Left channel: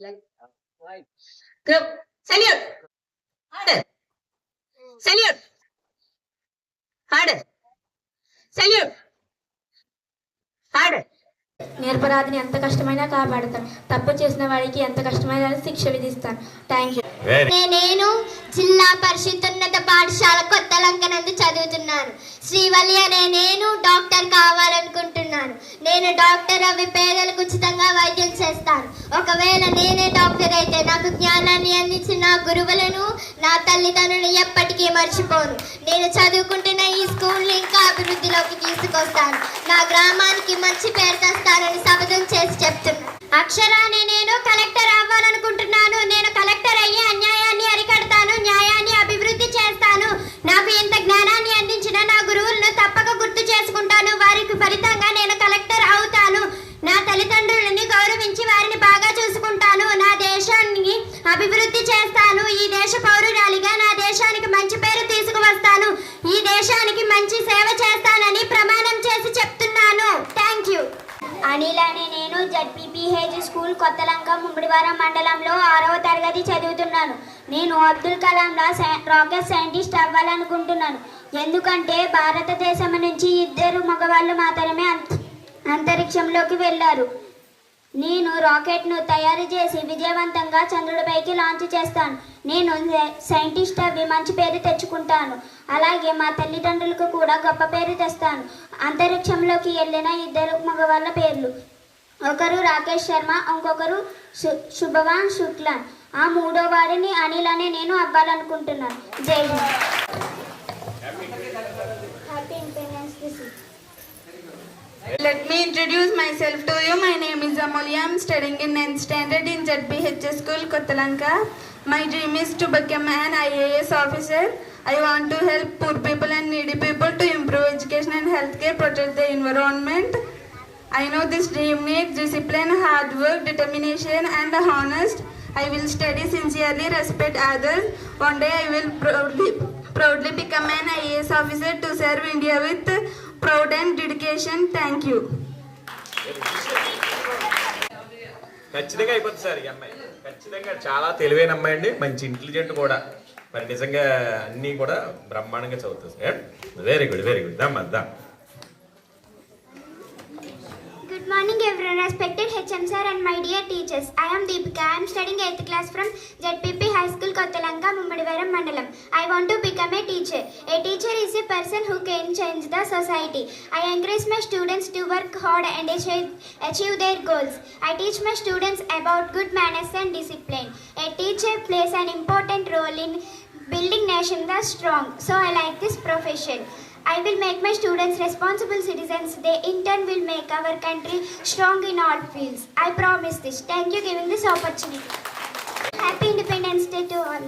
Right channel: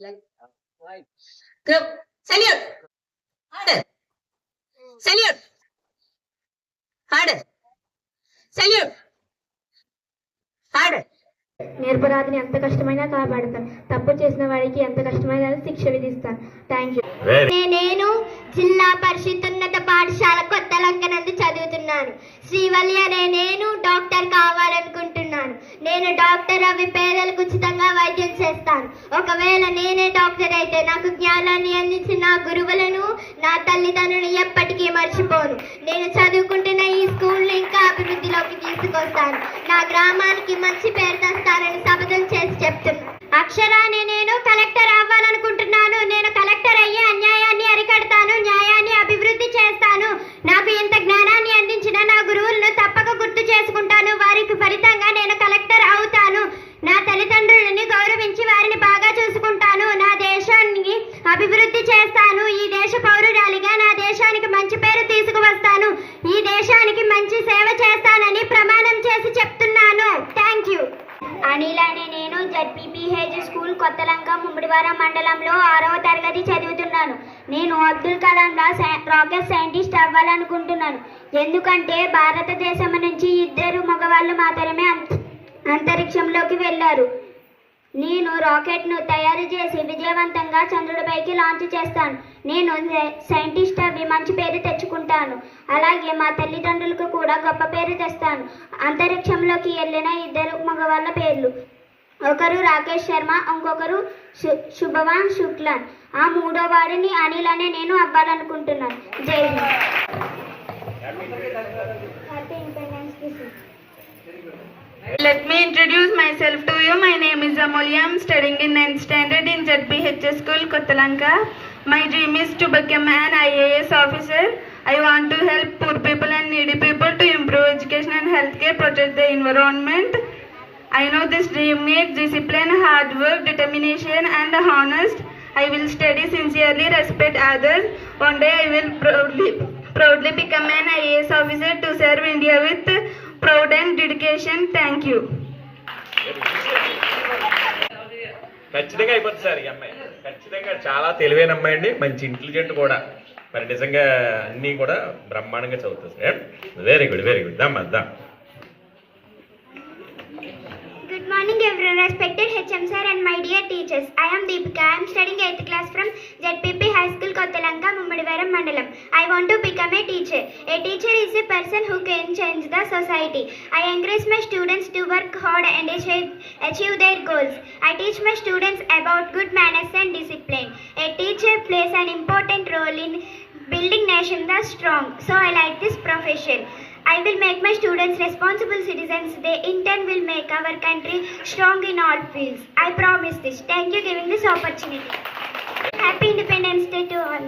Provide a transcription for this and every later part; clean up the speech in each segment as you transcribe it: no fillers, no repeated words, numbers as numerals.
Like, right. Group. Salute. Harder. Salute. Harder. Salute. Harder. నిరపరాధిని ఎంత కష్టమైనా కాపాడుతాను. తప్పు చేసిన వాడికి ఎంత కష్టమైనా శిక్ష విధిస్తాను. Thank you. నేను జిల్లా పరిషత్ పాఠశాల కొత్తలంక నందు చదువుతున్నాను. శ్రీవల్లి అనే నేను డాక్టర్ కావాలనుకుంటున్నాను. నేను డాక్టర్ అవి పేదలకు ఉచితంగా వైద్యం చేస్తాను. ఒకవేళ నేనే డాక్టర్ అయితే నాకు జ్ఞానాన్ని అందించిన నా గురువులను, నా తల్లిదండ్రులను ఎప్పటికీ మర్చిపోను. నేను చదువుకుంటున్న ఈ స్కూల్ని ఇంకా అభివృద్ధిలోకి తీసుకొస్తాను. నా గ్రామానికి మంచి పేరు తెస్తానని శపథం చేసి చెప్తున్నాను. అక్షరాన్ని నేను కలెక్టర్ అవ్వాలనుకుంటున్నాను. నేను కలెక్టర్ అయ్యి అన్యాయాన్ని అరికడతాను, న్యాయాన్ని అభివృద్ధి చేస్తాను. నాకు ఇంత జ్ఞానాన్ని అందించిన నా గురువులను తప్పక గుర్తు చేసుకుంటాను. వారికి ఫలితంగా నేను కలెక్టర్ అవుతాను. నా తల్లిదండ్రులని గౌరవించి వారిని బాగా చూసుకుంటాను. నా దేశాన్ని అభివృద్ధి చేస్తాను. ఈ దేశ పౌరురాలిగా నా దేశానికి మంచి పేరు తీసుకువస్తాను. ఈ దేశానికి మంచి సేవ చేస్తానని ప్రమాణం చేసి చెప్తున్నాను. Thank you. అనిల్ అనే నేను జెడ్పీపీహెచ్ స్కూల్ కొత్తలంక ముమ్మిడివరం మండలంలో 6వ తరగతి చదువుతున్నాను. నేను అబ్దుల్ కలాంలా రాకెట్ సైంటిస్ట్ అవ్వాలనుకుంటున్నాను. ఎందుకంటే భారతదేశం నుంచి 2 మగవాళ్ళు మాత్రమే అంతరిక్షంలోకి వెళ్ళారు. నేను రాకెట్ను తయారు చేసి విజయవంతంగా చంద్రుడిపైకి లాంచ్ చేస్తాను. నేను సైంటిస్ట్ అవి మంచి పేరు తెచ్చుకుంటాను. అలాగే మా తల్లిదండ్రులకు కూడా గొప్ప పేరు తెస్తాను. అంతరిక్షంలోకి వెళ్ళిన 2 మగవాళ్ళ పేర్లు, ఒకరు రాకేష్ శర్మ, ఇంకొకరు శుభవాన్ శుక్లాన్. ఆ 3వ వాడిని అనిల్ అనే నేను అవ్వాలనుకుంటున్నాను. జై Hind. Happy independence day. Let me introduce myself to you. My name is Amulya. I am studying in 9th standard in ZPH School, Kottalanka. My dream is to become an IAS officer. I want to help poor people and needy people to improve education and healthcare, protect the environment. I know this dream needs discipline, hard work, determination and honest. I will study sincerely, respect others. One day I will proudly become an IAS officer to serve India with proud and dedication. Thank you. ఖచ్చితంగా అయిపోతుంది sir. ఈ అమ్మాయి ఖచ్చితంగా చాలా తెలివైన అమ్మాయి అండి, మంచి ఇంటెలిజెంట్ కూడా. మరి నిజంగా అన్నీ కూడా బ్రహ్మాండంగా చదువుతుంది sir. Very good, very good. దమ్మా. Good morning everyone, respected HM sir and my dear teachers. I am Deepika. I am studying 8th class from ZPP High School, Kottalanka, Mummidivaram Mandalam. I want to become a teacher. A teacher is a person who can change the society. I encourage my students to work hard and achieve their goals. I teach my students about good manners and discipline. A teacher plays an important role in building nation that's strong. So I like this profession. I will make my students responsible citizens. They in turn will make our country strong in all fields. I promise this. Thank you for giving this opportunity. Happy Independence Day to all.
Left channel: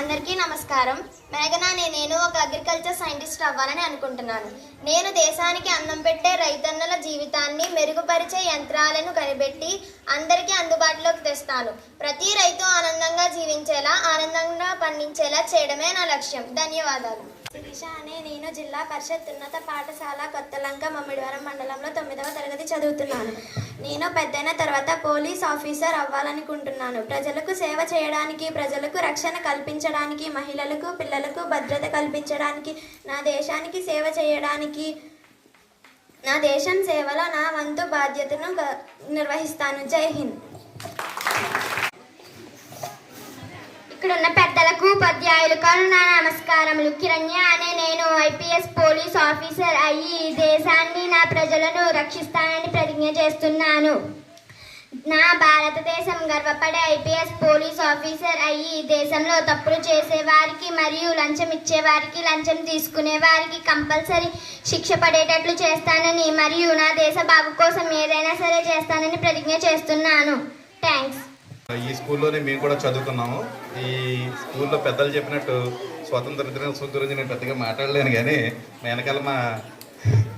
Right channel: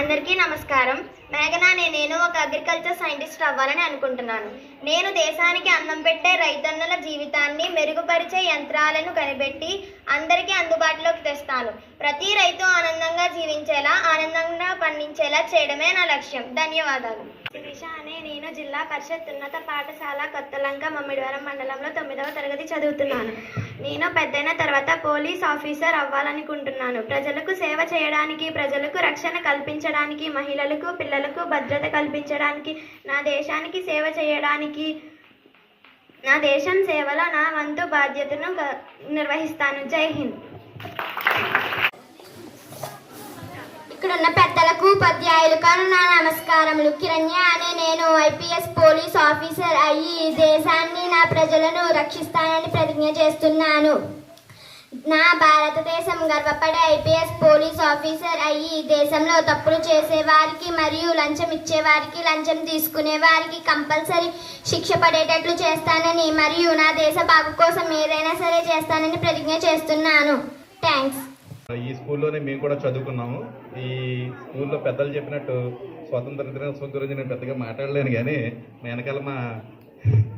అందరికీ నమస్కారం. మేఘనా అనే నేను ఒక agriculture scientist అవ్వాలని అనుకుంటున్నాను. నేను దేశానికి అన్నం పెట్టే రైతన్నుల జీవితాన్ని మెరుగుపరిచే యంత్రాలను కనిపెట్టి అందరికీ అందుబాటులోకి తెస్తాను. ప్రతి రైతు ఆనందంగా జీవించేలా, ఆనందంగా పండించేలా చేయడమే నా లక్ష్యం. ధన్యవాదాలు. శిరీష అనే నేను జిల్లా పరిషత్ ఉన్నత పాఠశాల కొత్తలంక ముమ్మిడివరం మండలంలో 9వ తరగతి చదువుతున్నాను. నేను పెద్దయిన తర్వాత పోలీస్ ఆఫీసర్ అవ్వాలనుకుంటున్నాను. ప్రజలకు సేవ చేయడానికి, ప్రజలకు రక్షణ కల్పించడానికి, మహిళలకు, పిల్లలకు భద్రత కల్పించడానికి, నా దేశానికి సేవ చేయడానికి, నా దేశం సేవలో నా వంతు బాధ్యతను నిర్వహిస్తాను. జై హింద్. ఇక్కడ ఉన్న పెద్దలకు, ఉపాధ్యాయులకు నా నమస్కారములు. కిరణ్య అనే నేను ఐపీఎస్ పోలీస్ ఆఫీసర్ అయ్యి ఈ దేశాన్ని, నా ప్రజలను రక్షిస్తానని ప్రతిజ్ఞ చేస్తున్నాను. నా భారతదేశం గర్వపడే ఐపీఎస్ పోలీస్ ఆఫీసర్ అయ్యి ఈ దేశంలో తప్పులు చేసేవారికి మరియు లంచం ఇచ్చేవారికి, లంచం తీసుకునే వారికి కంపల్సరీ శిక్ష పడేటట్లు చేస్తానని మరియు నా దేశ బాగు కోసం ఏదైనా సరే చేస్తానని ప్రతిజ్ఞ చేస్తున్నాను. థ్యాంక్స్. ఈ స్కూల్లోనే మేము కూడా చదువుకున్నాము. ఈ స్కూల్లో పెద్దలు చెప్పినట్టు స్వతంత్ర దినోత్సవం గురించి నేను పెద్దగా మాట్లాడలేను, కానీ వెనకాల మా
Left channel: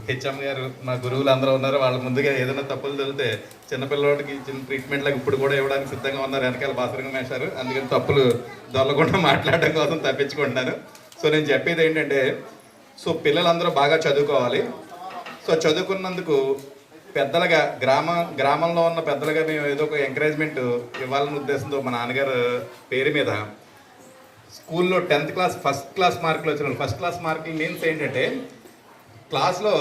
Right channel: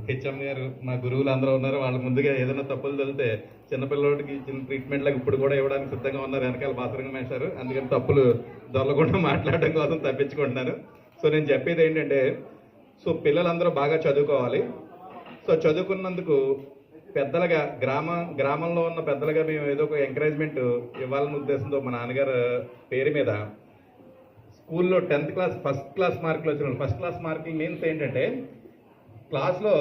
హెచ్ఎం గారు, మా గురువులు అందరూ ఉన్నారు. వాళ్ళు ముందుగా ఏదైనా తప్పులు జరిగితే చిన్నపిల్లవాడికి చిన్న ట్రీట్మెంట్లకు ఇప్పుడు కూడా ఇవ్వడానికి సిద్ధంగా ఉన్నారు. వెనకాల బాత్రూమ్ వేశారు. అందుకని తప్పులు దొరలకుండా మాట్లాడడం కోసం తప్పించుకుంటున్నాను. సో నేను చెప్పేది ఏంటంటే, సో పిల్లలందరూ బాగా చదువుకోవాలి. సో చదువుకున్నందుకు పెద్దలుగా గ్రామంలో ఉన్న పెద్దలుగా మేము ఏదో ఒక ఎంకరేజ్మెంట్ ఇవ్వాలనే ఉద్దేశంతో మా నాన్నగారు పేరు మీద స్కూల్లో 10th క్లాస్ ఫస్ట్ క్లాస్ మార్కులు వచ్చిన ఫస్ట్ క్లాస్ మార్కులు మీన్స్ ఏంటంటే క్లాస్లో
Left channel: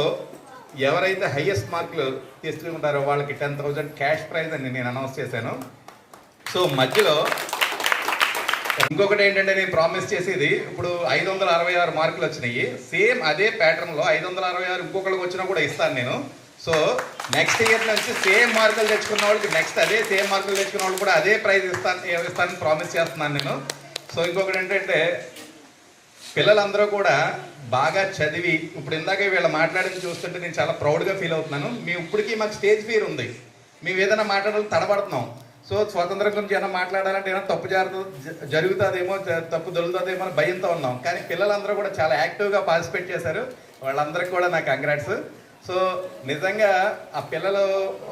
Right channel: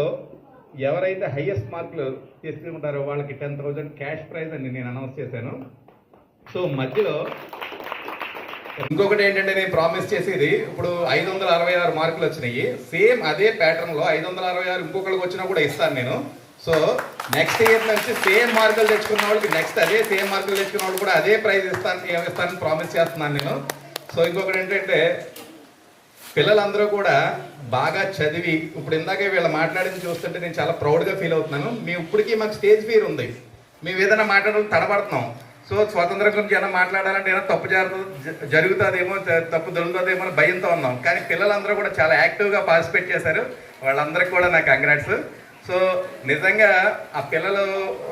ఎవరైతే హైయెస్ట్ మార్కులు తీసుకుంటారో వాళ్ళకి 10,000 క్యాష్ ప్రైజ్ అని నేను అనౌన్స్ చేశాను. సో మధ్యలో ఇంకొకటి ఏంటంటే నేను ప్రామిస్ చేసేది, ఇప్పుడు 566 మార్కులు వచ్చినాయి, సేమ్ అదే ప్యాటర్న్లో 566 ఇంకొకరికి వచ్చినా కూడా ఇస్తాను నేను. సో నెక్స్ట్ ఇయర్ నుంచి సేమ్ మార్కులు తెచ్చుకున్న వాళ్ళకి నెక్స్ట్ అదే సేమ్ మార్కులు తెచ్చుకున్న వాళ్ళు కూడా అదే ప్రైజ్ ఇస్తానని ప్రామిస్ చేస్తున్నాను నేను. సో ఇంకొకటి ఏంటంటే పిల్లలందరూ కూడా బాగా చదివి, ఇప్పుడు ఇందాకే వీళ్ళు మాట్లాడింది చూస్తుంటే నేను చాలా ప్రౌడ్గా ఫీల్ అవుతున్నాను. మేము ఇప్పటికీ మాకు స్టేజ్ ఫియర్ ఉంది, మేము ఏదైనా మాట్లాడాలని తడబడుతున్నాం. సో స్వాతంత్రం గురించి ఏమైనా మాట్లాడాలంటే ఏమైనా తప్పు జరుగుతుందేమో, తప్పు దొరుకుతుందేమో అని భయంతో ఉన్నాం. కానీ పిల్లలందరూ కూడా చాలా యాక్టివ్గా పార్టిసిపేట్ చేశారు, వాళ్ళందరికీ కూడా నాకు కంగ్రాట్స్. సో నిజంగా ఆ పిల్లలు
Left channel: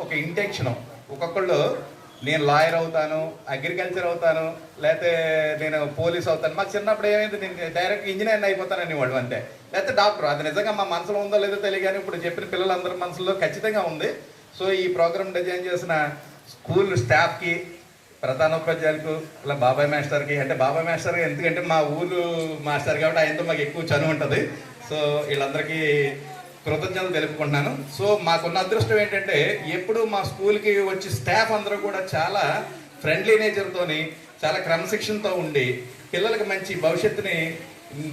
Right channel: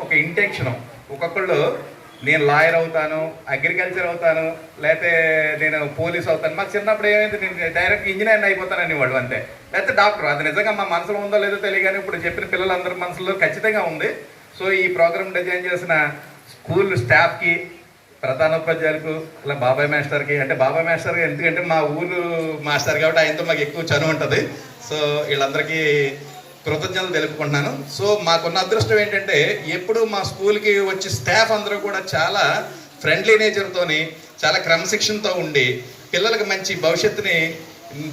ఒక ఇంటెన్షన్, ఒక్కొక్కళ్ళు నేను లాయర్ అవుతాను, అగ్రికల్చర్ అవుతాను, లేకపోతే నేను పోలీస్ అవుతాను. మాకు చిన్నప్పుడు ఏమైంది, నేను డైరెక్ట్ ఇంజనీర్ అయిపోతానని వాళ్ళు అంతే, లేకపోతే డాక్టర్. అది నిజంగా మా మనసులో ఉందో లేదో తెలియదు, కానీ ఇప్పుడు చెప్పిన పిల్లలందరి మనసులో ఖచ్చితంగా ఉంది. సో ఈ ప్రోగ్రామ్ డిజైన్ చేసిన స్కూల్ స్టాఫ్కి, ప్రధానోపాధ్యాయులకు, ఇలా బాబాయ్ మాస్టర్కి, అంటే బాబాయ్ మాస్టర్ ఎందుకంటే మా ఊరు మాస్టర్ కాబట్టి ఆయనతో మాకు ఎక్కువ చనువు ఉంటుంది. సో వీళ్ళందరికీ కృతజ్ఞతలు తెలుపుకుంటున్నాను. సో మాకున్న అదృష్టం ఏంటంటే ఎప్పుడు మా స్కూల్కి వచ్చి స్టాఫ్ అందరూ కూడా చాలా ఫ్రెండ్లీ నేచర్తోని, చాలా క్రమశిక్షణతో ఉండి పిల్లలకు మంచి భవిష్యత్తుని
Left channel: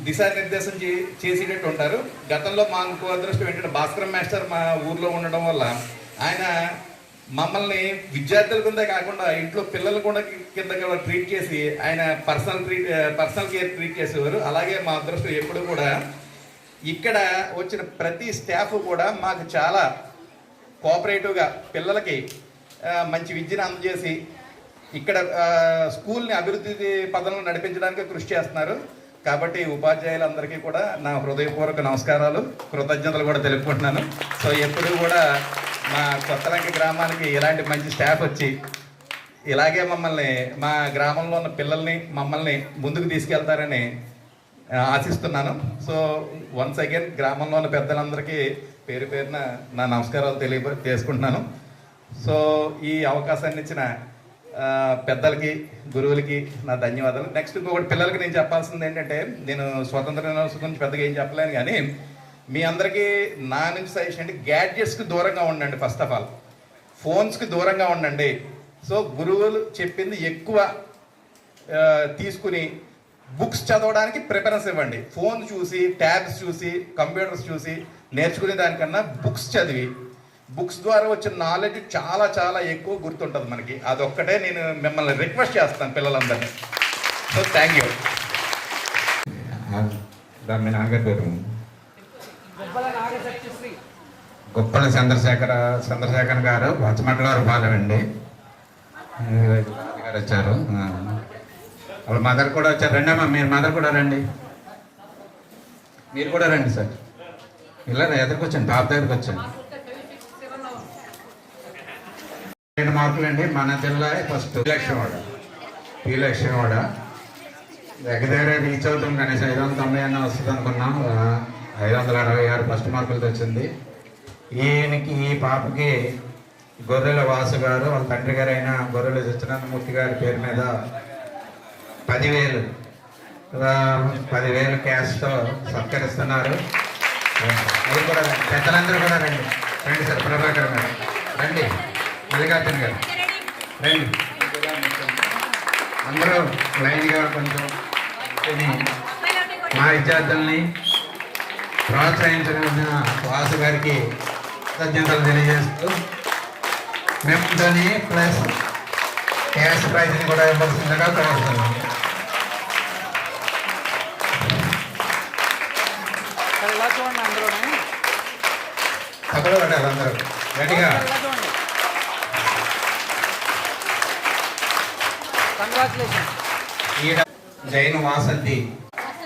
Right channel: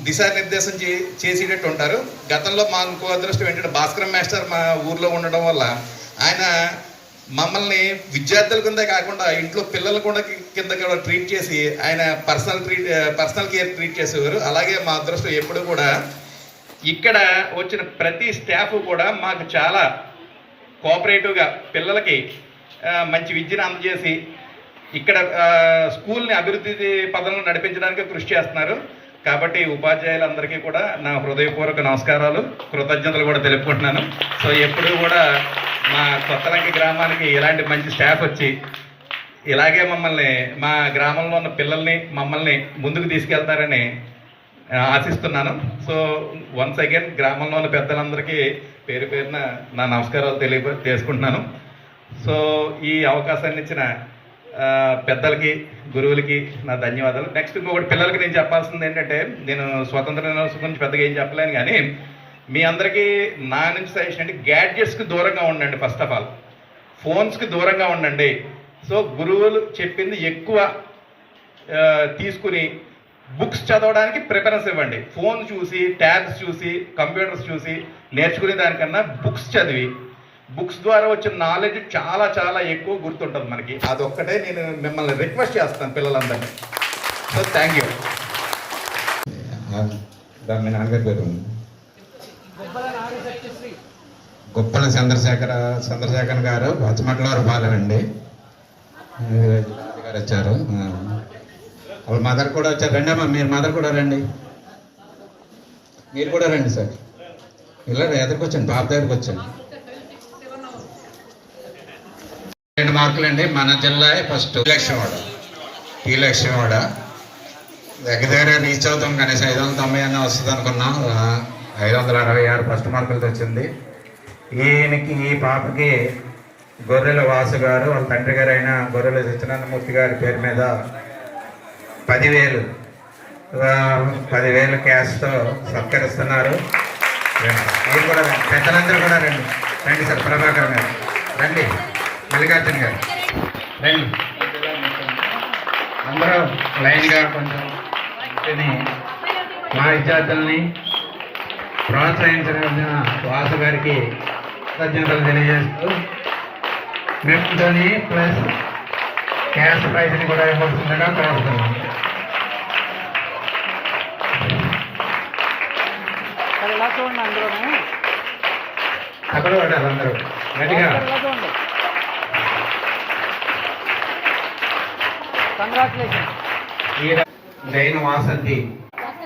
దిశానిర్దేశం చేసేటట్టు ఉంటారు. గతంలో మా ఇంకో అదృష్టం ఏంటంటే భాస్కర్ మాస్టర్ మా ఊర్లో ఉండడం వల్ల ఆయన మమ్మల్ని విద్యార్థుల కింద కాకుండా ఇంట్లో పిల్లల కూడా కింద కూడా ట్రీట్ చేసి ఆయన పర్సనల్ కేర్ ట్రీట్ చేసేవారు. అలాగే మా అదృష్టం ఎప్పుడు కూడా ఇక్కడ వచ్చిన ప్రతి స్టాఫ్ కూడా మాకు చాలా కోఆపరేటివ్గా పిల్లలకి మంచి విద్యను అందజేసి ఇక్కడ స్కూల్ని అభివృద్ధి పదంలో నడిపించడానికి కృషి చేస్తున్నారు. కాబట్టి ఉపాధ్యాయులందరికీ కూడా నా హృదయపూర్వక నమస్కారాలు, కృతజ్ఞతలు కూడా తెలుపుకుంటున్నాను. సో ఎప్పుడూ కూడా మా కొత్తలంకి గ్రామానికి ఇలాంటి మంచి స్టాఫ్ వచ్చి ఇలాగే మమ్మల్ని, మా గ్రామంలో ఉన్న పిల్లల్ని, మమ్మల్ని ముందుకు తీసుకెళ్తారని ఆశిస్తున్నాను. సో వన్స్ అగైన్ గ్రామంలో ఉన్న పెద్దలందరికీ పేరు పేరున నా నమస్కారాలు తెలియజేసుకుంటున్నాను. సో ఈ అవకాశాన్ని ఇచ్చిన పెద్దలకి, గురువులకి నా ధన్యవాదాలు. నెక్స్ట్ ఇంకొకటి పిల్లలకి నేను చెప్పాల్సింది ఏంటంటే, నేను స్వాతంత్ర దినోత్సవం గురించి పెద్దగా ఏం చెప్పలేను, కానీ మీ అందరికీ నా నుంచి సజెషన్ అంటే గ్యాడ్జెట్స్కి దూరంగా ఉండండి. ఫస్ట్ ఆఫ్ ఆల్ ఫోన్స్కి దూరంగా ఉండండి. సో గురువులు చెప్పింది ఎక్కువ తీసుకుని బుక్స్ చదవడానికి ప్రిఫరెన్స్ ఇవ్వండి. ఫోన్ చూసి, ట్యాబ్స్ చూసి, కంప్యూటర్స్ చూసి నేర్చుకునే దానికన్నా బుక్స్ చదివి, బుక్స్ ద్వారా వచ్చిన నాలెడ్జ్ చాలా చాలా ఎక్కువ గుర్తుంటుంది మనకి. అదొక్కటే నేను మిమ్మల్ని రిక్వెస్ట్ చేస్తాను పిల్లలందరినీ. So thank you. మీ నాన్నగారి పేరు గొప్పల చంద్రశేఖర్ గారు, పచ్చమట్లవారు బాగా అండి గారు వచ్చారు. వాళ్ళ మదర్ కూడా వచ్చారు. రండి అమ్మా, మీరు మదర్ కూడా రండి, మీరు కూడా రండి సార్. ఇలా ఎదురుకు వచ్చండి, బాబు దగ్గరకు వచ్చండి. 2 మార్కులు అండి. మన జిల్లా ఫస్ట్ టీ లక్ష్మీవాడ దగ్గర రీచ్ అవుతాం. కనీసం 590 అన్న వస్తుంది అనుకున్నాం. 566 ఫస్ట్ మార్కులు తెచ్చింది. ఈ పాపకి గొర్రెల వాసు గారు, వాళ్ళ తండ్రి గారు అయిన గొర్రెల సత్యనారాయణమూర్తి గారి పేరు మీద 10,000 క్యాష్తో సత్కరిస్తున్నారు. మీరు కూడా పెద్దలందరూ కూడా రండి. రండి సార్, ప్రభాకర్ గారు రండి, మల్లికార్జున గారు రండి. అందరూ లైన్గా కొంచెం మా విద్యార్థుల్ని ప్రోత్సహించిన వాసు గారికి కృతజ్ఞతలు తెలియజేస్తూ మెమోని ప్లస్ క్యాష్ ప్రైజ్ని కూడా ఇవ్వాల్సిందిగా కోరుతున్నాం. అక్కడ పడ్డారు అందరూ గట్టిగా. జైన్ వాసంతి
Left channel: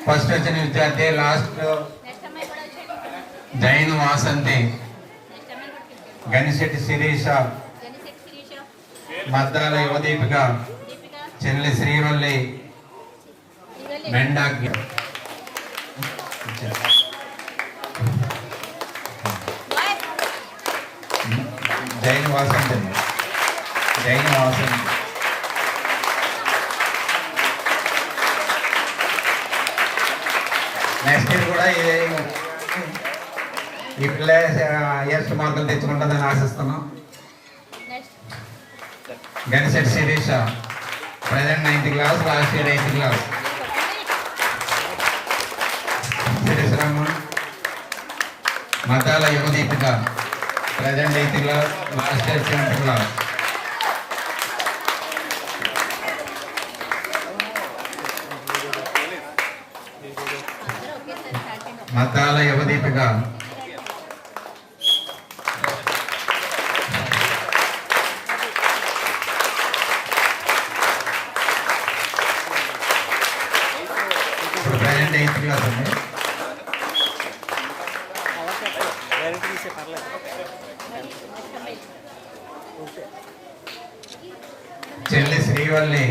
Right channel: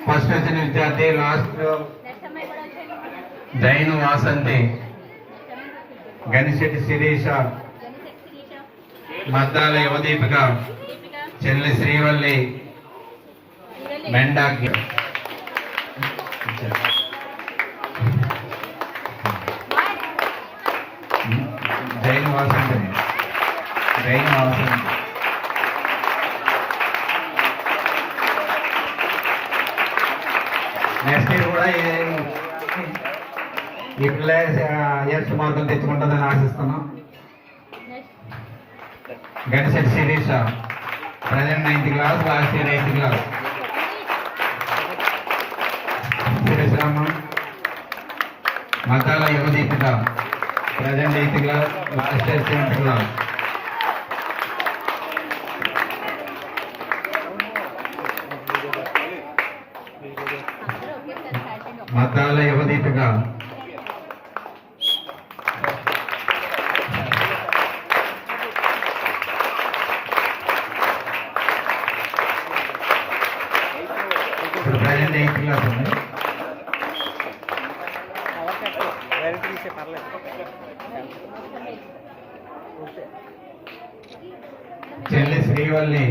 ఫస్ట్ వచ్చిన విద్యార్థి, లాస్ట్ జైన్ వాసంతి, గనిశెట్టి శిరీష, మద్దాల యువదీపిక, చెల్లి శ్రీవల్లి, మెండాకి. జైన్ వాసంతి అండి. జైన్ వాసంతి. నెక్స్ట్ ఇయర్ కూడా ఈ పిల్ల ఎస్ మార్కులు తెచ్చుకుంటుందని ఆశిస్తున్నాం. గణిసెట్ Sirisha present 9th class, last year 8th class. శిరీషరామ మతాల Yuvadeepika present 8th class, last year 7th class. మతాల యువదీపిక ఇప్పుడు ప్రజెంట్ 8th క్లాస్ ఉంది. చెల్లి Srivalli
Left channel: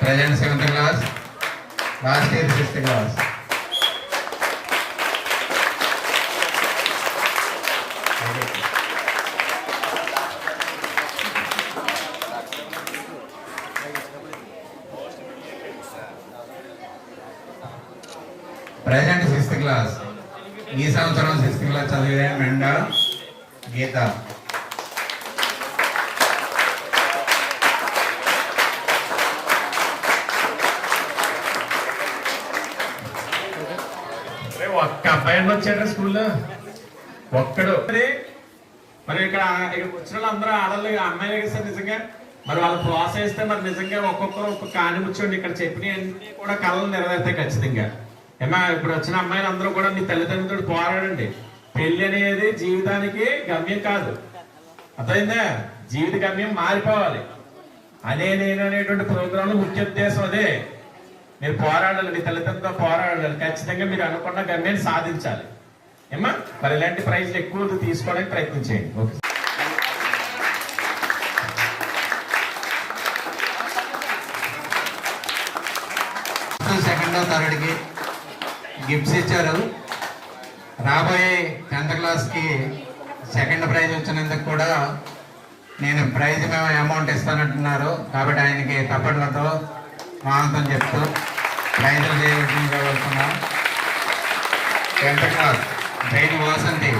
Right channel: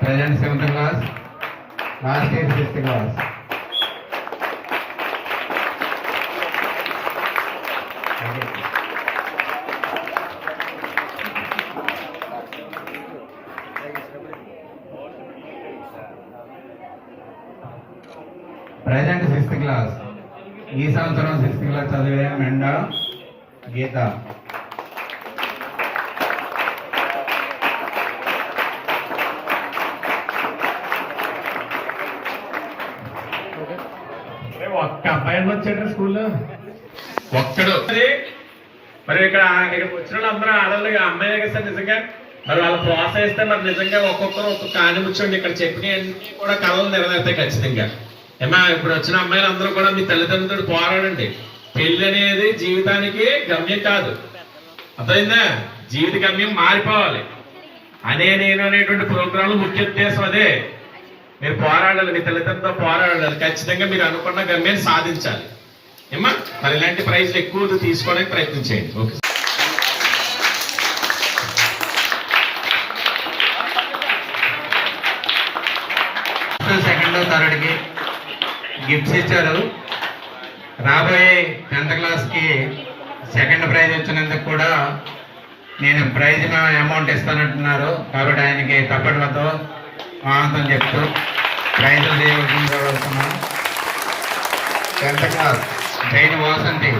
present 7th class, last year 6th class. Present 6th class. ఈ సంవత్సరం 6th క్లాస్ చదివే మెండ గీత. ఒక్క అబ్బాయి వచ్చాడు స్కూల్లో, ఒక్కడు. మరి ఇక్కడ వచ్చిన వాళ్ళు అందరూ ఆడవాళ్ళు అమ్మాయిలే కదా సార్ నిజంగా. మరి వాళ్ళు ప్రోత్సహిస్తే మరి నిజంగా ఒక్కొక్కరు ఒక్కొక్క ఆడి కూర్చోండి. ఇక్కడ చెప్పినవన్నీ కూడా కళలు నెరవేరుతాయి ఖచ్చితంగా. ఏమా ఇప్పుడు వచ్చిన అమ్మాయిలు అందరూ కూడా మీ తల్లిదండ్రులు పోరాడండి. పెళ్లి అనేది జీవితానికి గమ్యం కాదు, అర్థమైందా? జీవిత గమ్యం మారిపోవాలి అనే నేను అనేటువంటి ప్రోగ్రాంలు ముఖ్య ఉద్దేశం అదే. మీరు పోరాడాలి, మీ తల్లిదండ్రులతో పోరాడాలి. ఖచ్చితంగా మీరు అనుకున్న గమ్యాన్ని సాధించాలి. ఏమా మరి ఇలాంటి ప్రైజ్లు ఎక్కువ తీసుకోవడానికి ప్రయత్నం చేయండి. ఓకే. సెకండ్ థర్డ్కి గిఫ్ట్స్ ఇచ్చారు. రాబోయే 10th క్లాస్కి సెకండ్ ప్రైజ్ వచ్చినందుకు కూడా నేను ప్రైజ్ అమౌంట్ ఇస్తానంటున్నారు. కాబట్టి ఆయనకి తప్పట్లతో ఆనందం చెప్తూ ప్రైజులు చేయవలసిందిగా 10th క్లాస్ జైన్ వాసంతి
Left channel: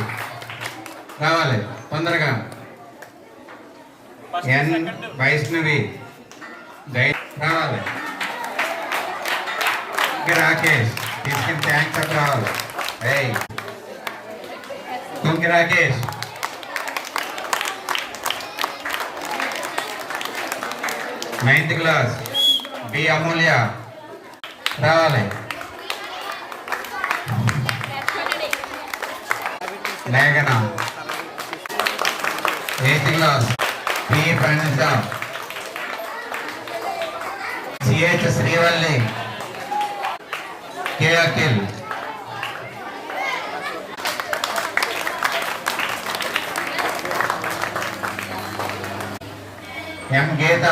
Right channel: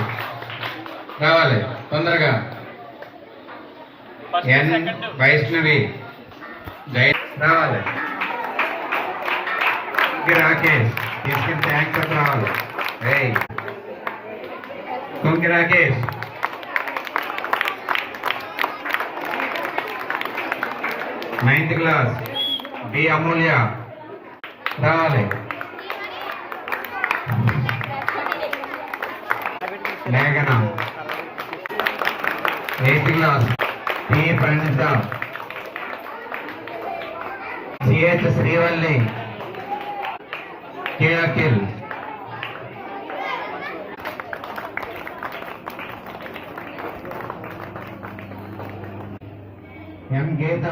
రావాలి తొందరగా. ఎన్ వైష్ణవి జైన్ రావాలి. రాకేష్ తీసుకుని థ్యాంక్స్ అప్ రావాలి. Tunki Rakesh. Ninth class B Amulya రావాలి. మేఘన 8th class P Pranitha. CH Srivalli K Akhil. M Geetha,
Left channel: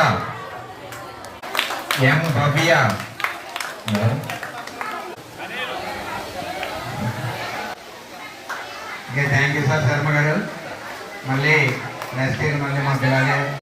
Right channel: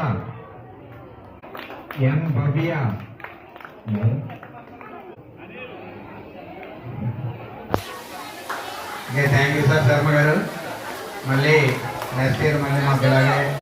M Bhavya. Thank you sir Sharma garu. మళ్ళీ నెక్స్ట్ ఇయర్ మళ్ళీ మా పిల్లలే